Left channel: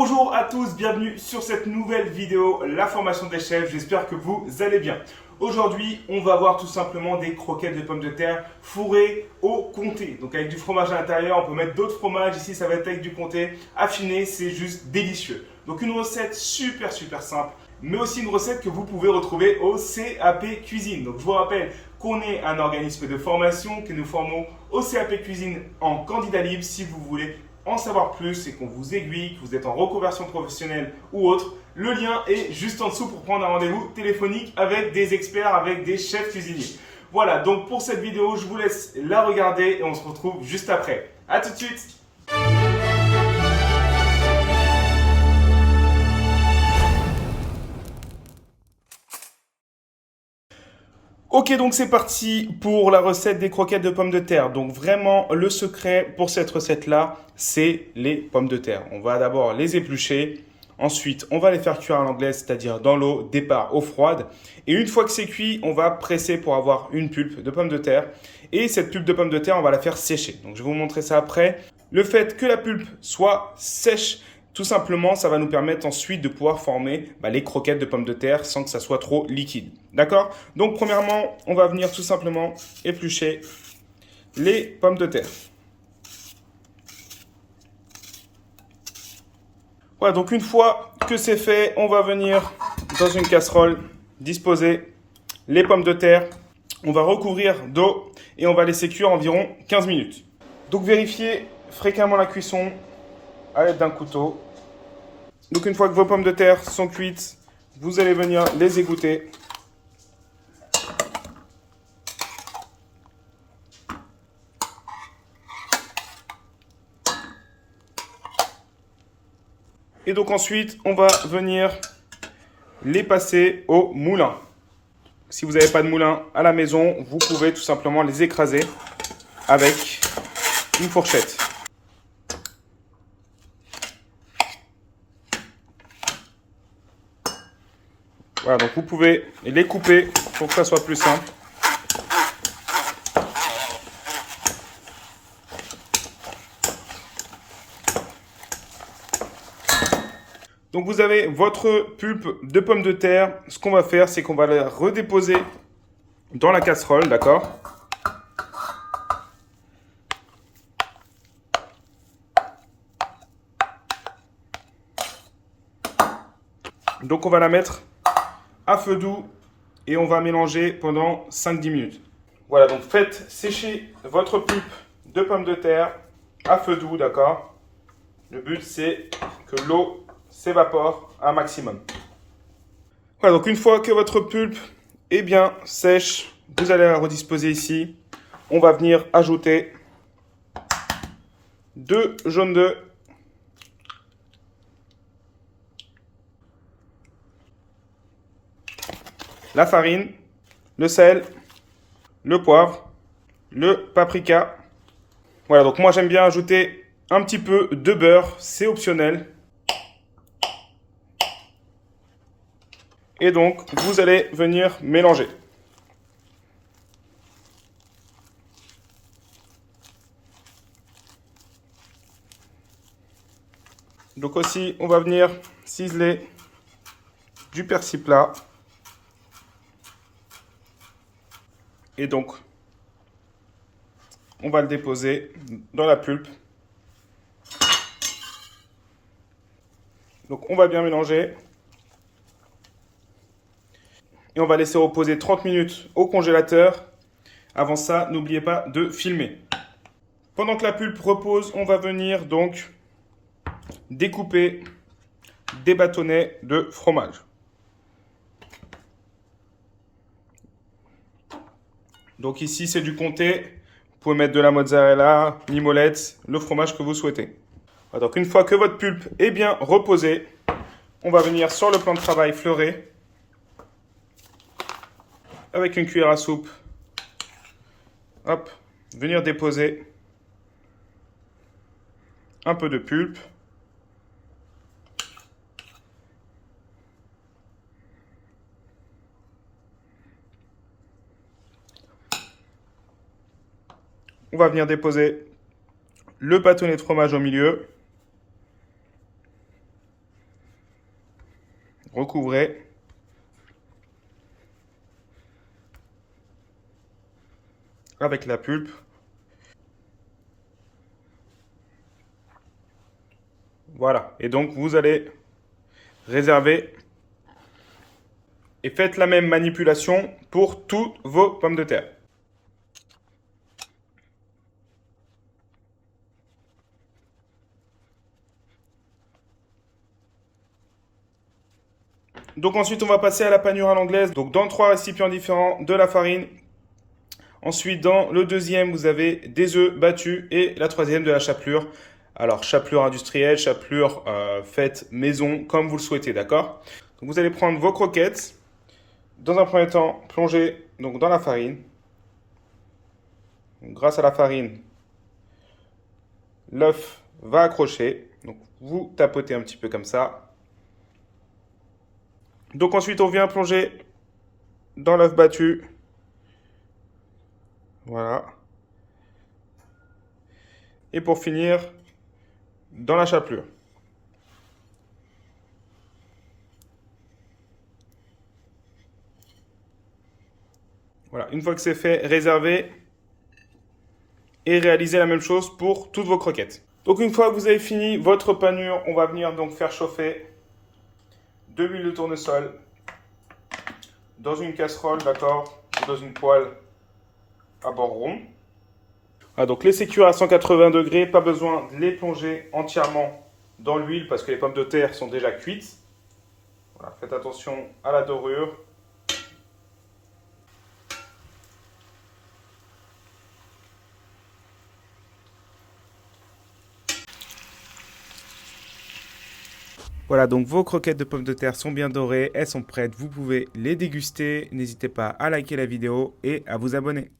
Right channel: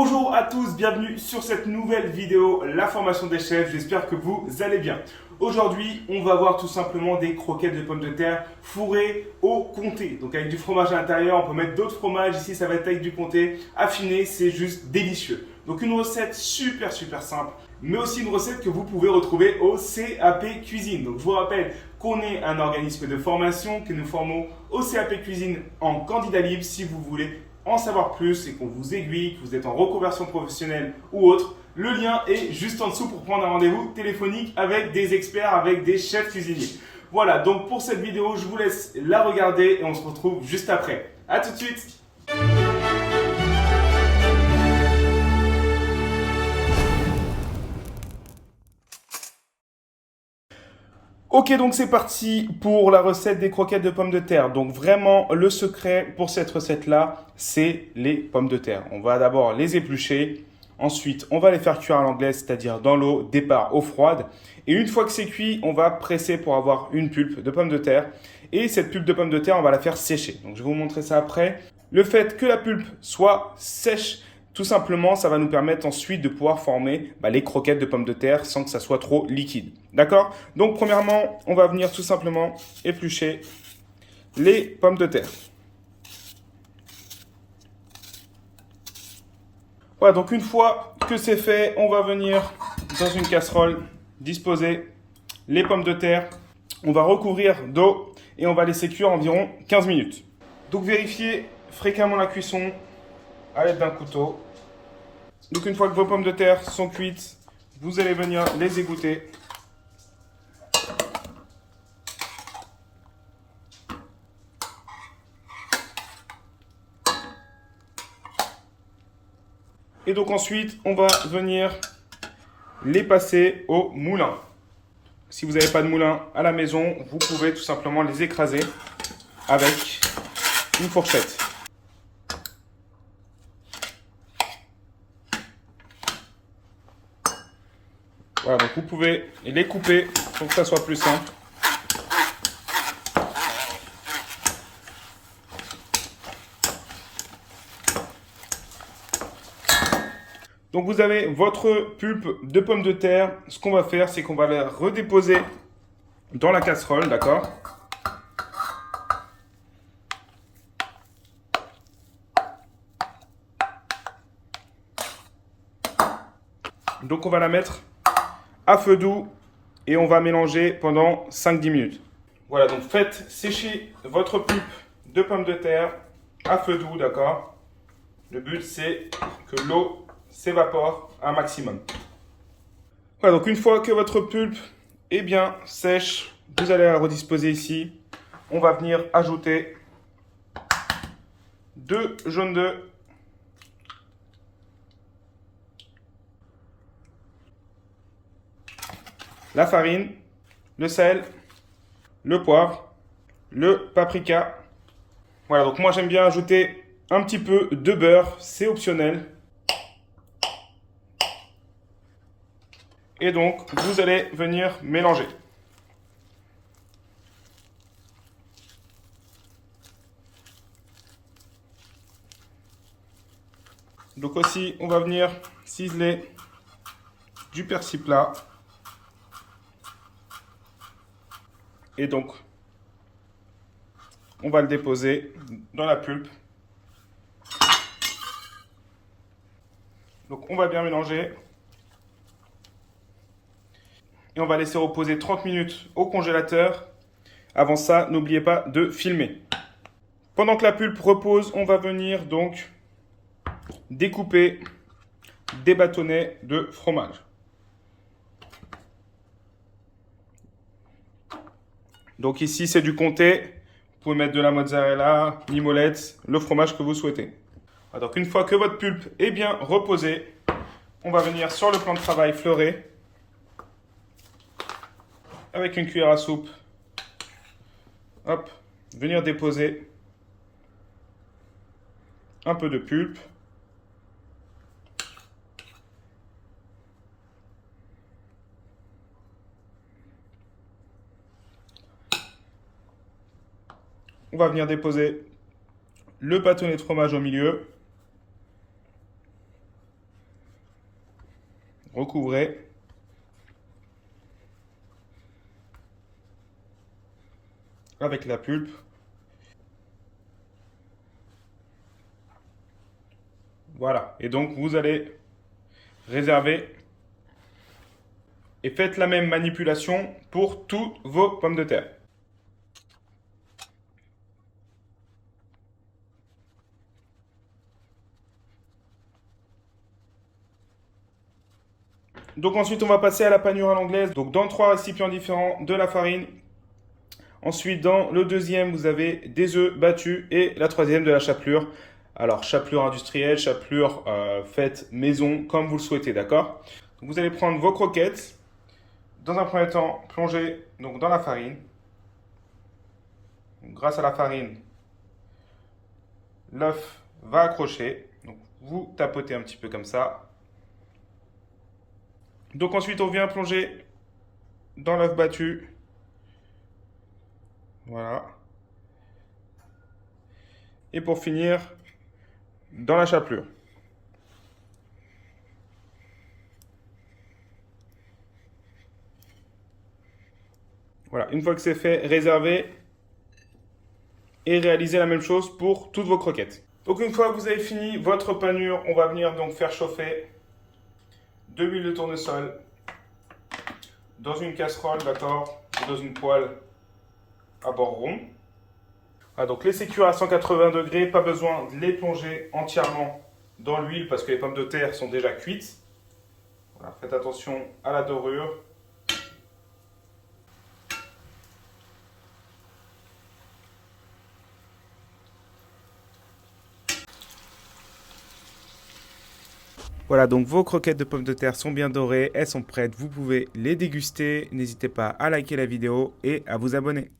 Bonjour à tous, bienvenue sur cette nouvelle vidéo, la formation des chefs. J'espère que vous allez bien. Aujourd'hui, on va voir tout simplement des croquettes de pommes de terre fourrées au comté. Donc avec du fromage à l'intérieur, on peut mettre d'autres fromages. Ici, ça va être avec du comté affiné, c'est juste délicieux. Donc une recette super simple, mais aussi une recette que vous pouvez retrouver au CAP Cuisine. Donc je vous rappelle qu'on est un organisme de formation, que nous formons au CAP Cuisine en candidat libre. Si vous voulez en savoir plus et qu'on vous aiguille, que vous êtes en reconversion professionnelle ou autre, le lien est juste en dessous pour prendre un rendez-vous téléphonique avec des experts, avec des chefs cuisiniers. Voilà, donc pour cette vidéo, je vous laisse la regarder et on se retrouve juste après. A tout de suite. Ok, donc c'est parti pour la recette des croquettes de pommes de terre. Donc vraiment, le secret pour cette recette-là, c'est les pommes de terre. On va d'abord les éplucher. Ensuite, on va les faire cuire à l'anglaise, c'est-à-dire dans l'eau, départ eau froide. Et une fois que c'est cuit, on va presser pour avoir une pulpe de pommes de terre. Et cette pulpe de pommes de terre, on va la faire sécher. Donc je vais vous montrer ça après. Le fait que la pulpe soit sèche, tout simplement, ça va nous permettre ensuite de pouvoir former les croquettes de pommes de terre sans que ça soit trop liquide. D'accord? Donc, premièrement, on va venir tout simplement éplucher les pommes de terre. Voilà, donc une fois que c'est fait, on va venir dans une casserole disposer les pommes de terre. On va recouvrir d'eau et on va laisser cuire environ 15 minutes. Donc, vérifiez fréquemment la cuisson à l'aide d'un couteau. Donc une fois que vos pommes de terre sont cuites, vous allez venir les égoutter. Et donc ensuite, on va venir les passer au moulin. Si vous n'avez pas de moulin à la maison, vous pouvez tout simplement les écraser avec une fourchette. Voilà, donc vous pouvez les couper pour que ça soit plus simple. Donc vous avez votre pulpe de pommes de terre. Ce qu'on va faire, c'est qu'on va les redéposer dans la casserole, d'accord? Donc on va la mettre à feu doux et on va mélanger pendant 5-10 minutes. Voilà, donc faites sécher votre pulpe de pommes de terre à feu doux, d'accord? Le but, c'est que l'eau s'évapore un maximum. Voilà, donc une fois que votre pulpe est bien sèche, vous allez la redisposer ici. On va venir ajouter 2 jaunes d'œufs, la farine, le sel, le poivre, le paprika. Voilà, donc moi j'aime bien ajouter un petit peu de beurre, c'est optionnel. Et donc, vous allez venir mélanger. Donc aussi, on va venir ciseler du persil plat. Et donc, on va le déposer dans la pulpe. Donc, on va bien mélanger. Et on va laisser reposer 30 minutes au congélateur. Avant ça, n'oubliez pas de filmer. Pendant que la pulpe repose, on va venir donc découper des bâtonnets de fromage. Donc ici, c'est du comté. Vous pouvez mettre de la mozzarella, mimolette, le fromage que vous souhaitez. Donc une fois que votre pulpe est bien reposée, on va venir sur le plan de travail fleurer avec une cuillère à soupe. Hop, venir déposer un peu de pulpe. On va venir déposer le bâtonnet de fromage au milieu. recouvrez. Avec la pulpe. Voilà. Et donc, vous allez réserver et faites la même manipulation pour toutes vos pommes de terre. Donc ensuite, on va passer à la panure à l'anglaise. Donc dans 3 récipients différents, de la farine. Ensuite, dans le deuxième, vous avez des œufs battus et la troisième, de la chapelure. Alors, chapelure industrielle, chapelure faite maison, comme vous le souhaitez, d'accord? Donc, vous allez prendre vos croquettes. Dans un premier temps, plonger donc, dans la farine. Donc, grâce à la farine, l'œuf va accrocher. Donc, vous tapotez un petit peu comme ça. Donc ensuite, on vient plonger dans l'œuf battu. Voilà. Et pour finir, dans la chapelure. Voilà, une fois que c'est fait, réservez et réalisez la même chose pour toutes vos croquettes. Donc une fois que vous avez fini votre panure, on va venir donc faire chauffer de l'huile de tournesol dans une casserole, d'accord, ou dans une poêle à bord rond. Voilà, donc laissez cuire à 180 degrés, pas besoin de les plonger entièrement dans l'huile parce que les pommes de terre sont déjà cuites. Voilà, faites attention à la dorure. Voilà, donc vos croquettes de pommes de terre sont bien dorées, elles sont prêtes, vous pouvez les déguster. N'hésitez pas à liker la vidéo et à vous abonner.